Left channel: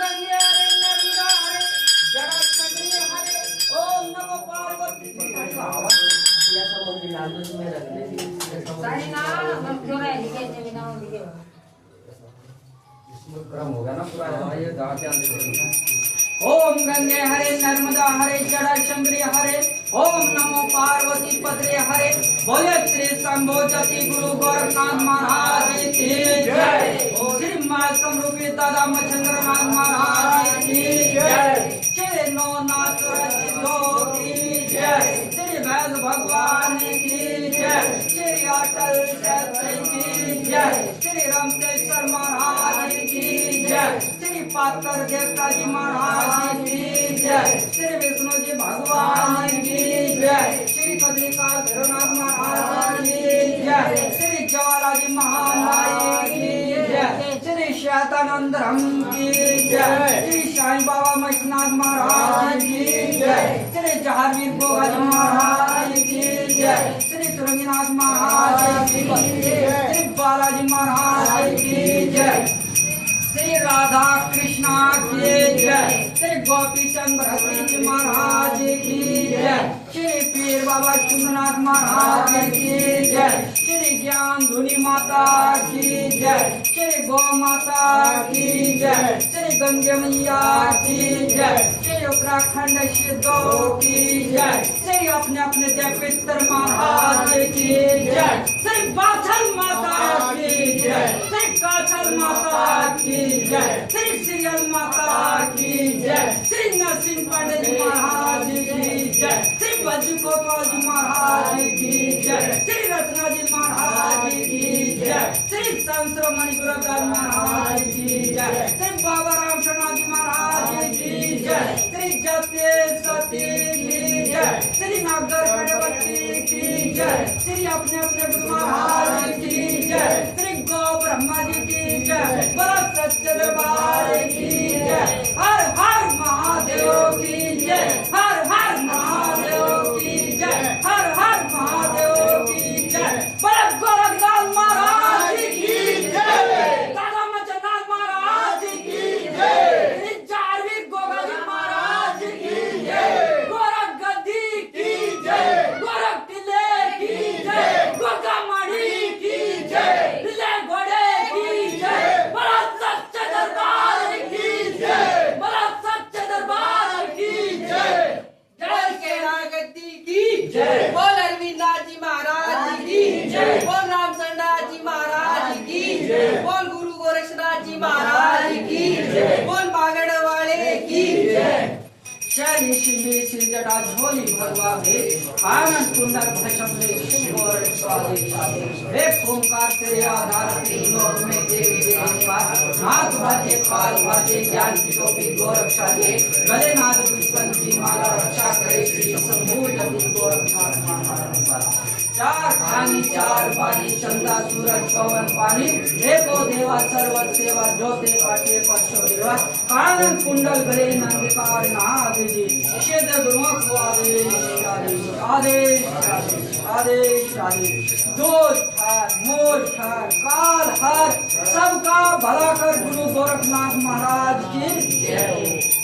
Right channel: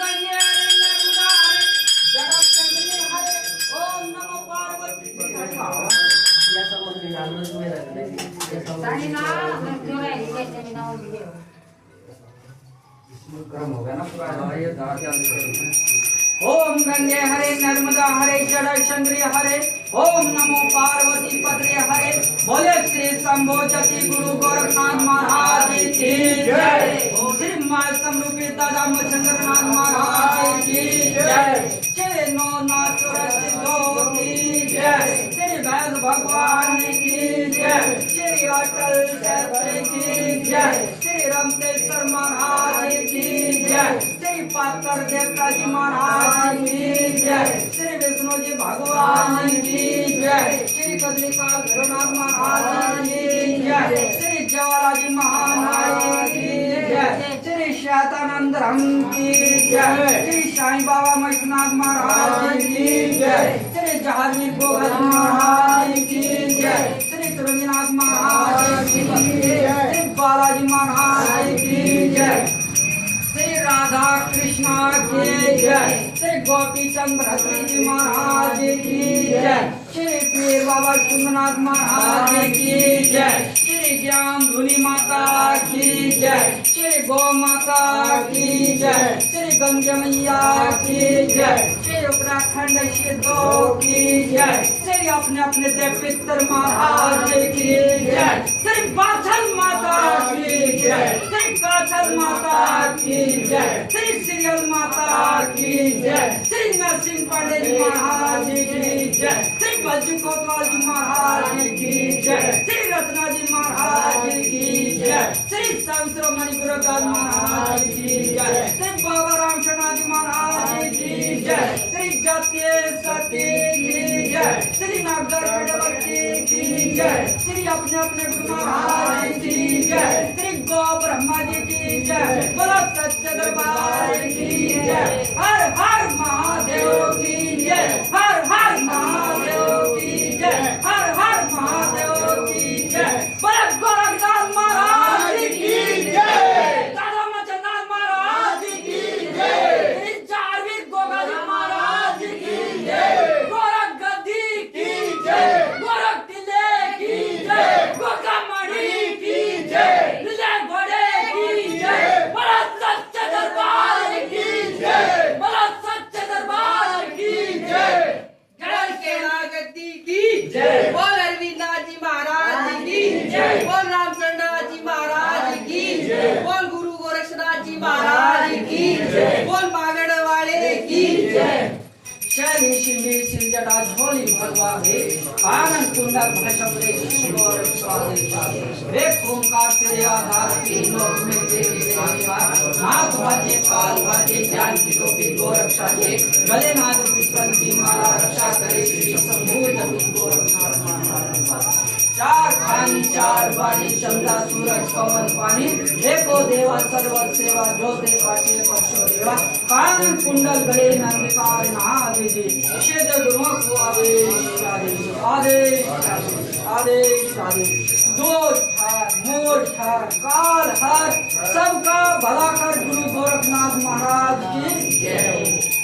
गंगे नर्मदा हरे जगत हरे ओम नमो पार्वती या समोर लालच में रखले सारी ना हम क्यों है इसे बिना हो दिए क्रम होगा ना पूरा ये दावा क्या ओम गंगे हरे नर्मदा हरे जटाशंकरी हरे ओम नमो पार्वती पत्रे हरे बोले श्री शंभो जति गुरु गोरखनाथ महाराज की जय श्री मां समरूपी दादा मचंद्रनाथ महाराज की जय श्री नौनाथ सिद्धो की जय श्री वैद भगवान की जय श्री अटल शास्त्री की जय श्री रामकेश्वर महाराज की जय श्री पाकर देवता जी महाराज की जय श्री विष्णु जी भगवान की जय श्री कदलिका भैरवनाथ महाराज की जय श्री ज्वाला जी महाराज की जय श्री श्वेतानंद राम की जय श्री साईं बाबा मछनाथ महाराज की जय श्री जहावीर गोगा जी महाराज की जय श्री तुरंगीनाथ महाराज की जय श्री बालाजी महाराज की जय श्री राधा कृष्णा की जय श्री गोपी चंद जी महाराज की जय श्री पीर बाबा चुंदनाथ महाराज की जय श्री ज्ञान धुनी माता की जय श्री गौ माता की जय श्री गंगे मैया की जय श्री उत्तराखंड सिद्धों की जय श्री अपने अपने देव पितर महाराज की जय श्री बाछल माता की जय श्री काछल माता की जय श्री श्रीयल माता की जय श्री नरसिंह पंडित जी महाराज की जय श्री बज्जू कोतवाल जी महाराज की जय श्री रत्ना जी महाराज की जय श्री संतरो मणिपुर महाराज की जय श्री बाबा राम शर्मा जी महाराज की जय श्री जत्ये सती की जय श्री नागर गणपति की जय श्री अपने अपने गुरु महाराज की जय श्री गौ ब्रह्मा जी की जय बोला सच्चे दरबार की जय हर हर महादेव की जय हर हर महादेव की जय हर हर महादेव की जय बोला गोरखनाथ महाराज की जय दादा मचंद्रनाथ महाराज की जय श्री चारवी गोगाजी महाराज की जय गोरख गद्दी की जय गोरख टिल्ले की जय गोगामणि की जय विजय घोड़े की जय बड़ा सच्चे दरबार की जय बड़ा सच्चे दरबार की जय जय केदार गद्दी की जय बोल अरविंदनाथ जी महाराज की जय बोल रामचंद्रनाथ जी महाराज की जय बोल गुरु गोरक्षनाथ जी महाराज की जय बोल मागड़ वाले की जय शनि शिंदे सिंजटा झोली भगवाहे आनंद कुंडल भैशमले शिव गौर स्वामी वेद ओंकार से आधार तीन लोक में देवी देवानी नाथ वाजे काल वाजे ज्ञान की टोपी गोरक्षा दे गले नाद पुष्पंती माला रक्षा करे श्री शंभू जति गोरक्षा चार खानी चार वाणी चंदा सूरज पवन पानी एको देवा सर्व सेवा जो दे पाटे परशो देवा कानन कुंडल गले नंदकार नाग जी निषेध गुरुओं को आदेश आदेश आदेश आदेश आदेश दोष हर मोक्ष हर काल हर सबका भला कर गुरु गोरखनाथ महाराज की जय।